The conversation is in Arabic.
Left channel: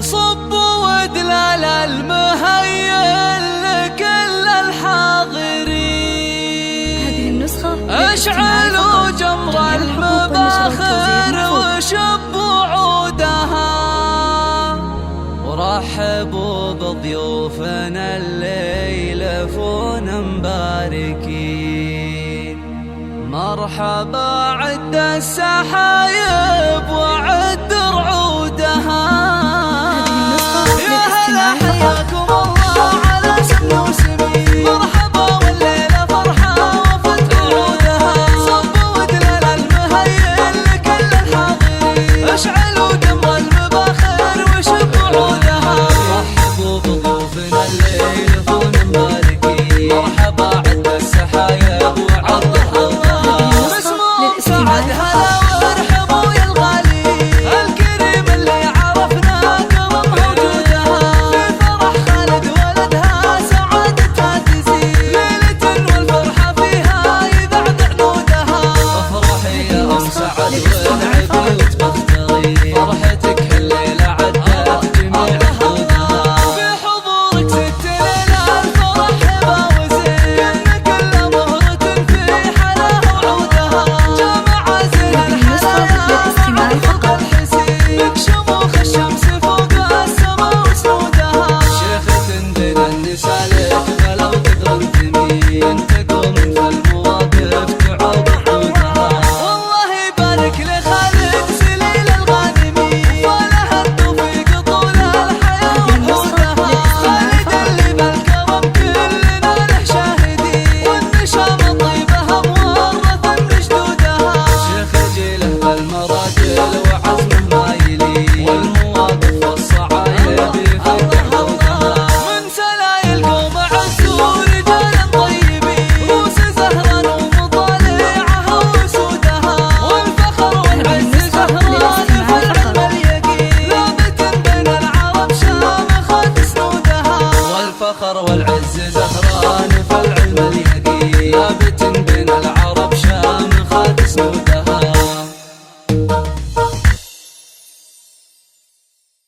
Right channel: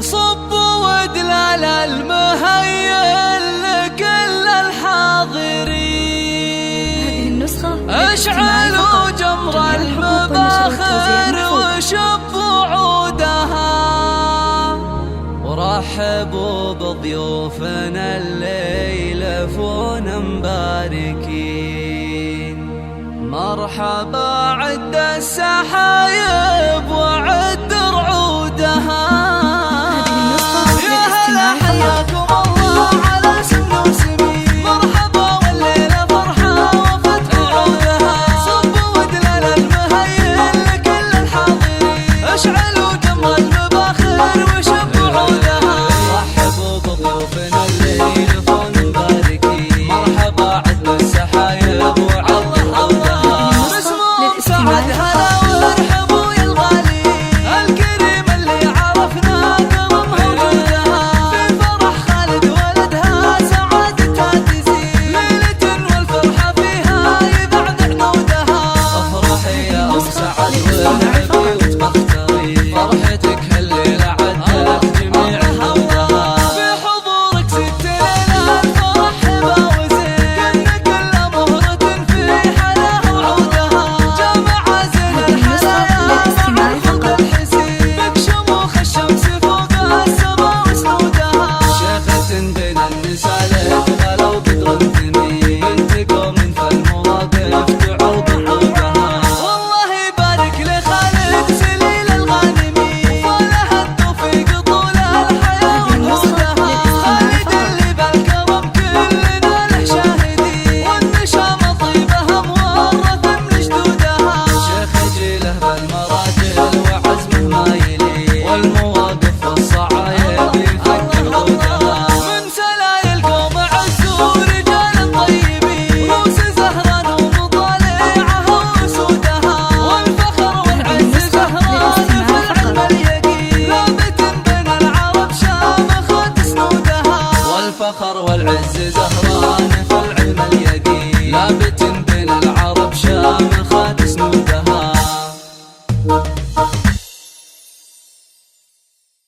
صب ودلال المهيل لكل الحاضرين. هذه النسخة اشعلوا جمر المباخر وشبوا عودها، ورحبوا بضيوفنا الليلة فونا مباركين. مرحبا عد السحايب وعد رعودها. يا هلا حياكم الله على سمن وسمين. مرحبا والليلة فرحة وفتح وعودها. صبوا ودلال المهيل لكل الحاضرين. اشعلوا جمر المباخر وشبوا عودها. رحبوا بضيوفنا الليلة فونا مباركين. مرحبا عد السحايب وعد رعودها. سعد هلا وارحبوا يا الغالي الكريم اللي عرفنا كرمها وجودها. في فرح خالد ولدها سعادتها تزيد ليلة والفرحة فيها يذعذع نودها. افرحي يا ام سعد وارحبي وتبختري، فرحتك هالليلة عدت جميع نودها. في حضورك ست ليلة الفرح هبة وزين، كنا كل مهرة في حلاها وعودها. شموخ الشمس فوق السما وسنودها. شيخة بين النساء لك غلا وقدر انتمي، انت قوم فالمواقف تعوض عودها. والله يبارك لخالد سليل الغانمي، وفالها التوفيق طول الحياة وعودها. خالد اللي بالكرم كلنا له شاهدين، والنشام طيبها مورث من جدودها. شيخ جيله بالمراجل وعزمه ما والمواقف والصعايب يفتح عودها. من سلايل قوم عزوا رجالا طيبين، روس زهران ومطالعها وسودها. والفخر والعز زهران في العلم اليقين، ثابت بين العرب شامخة سنودها. والفخر والعز زهران في العلم اليقين، ثابت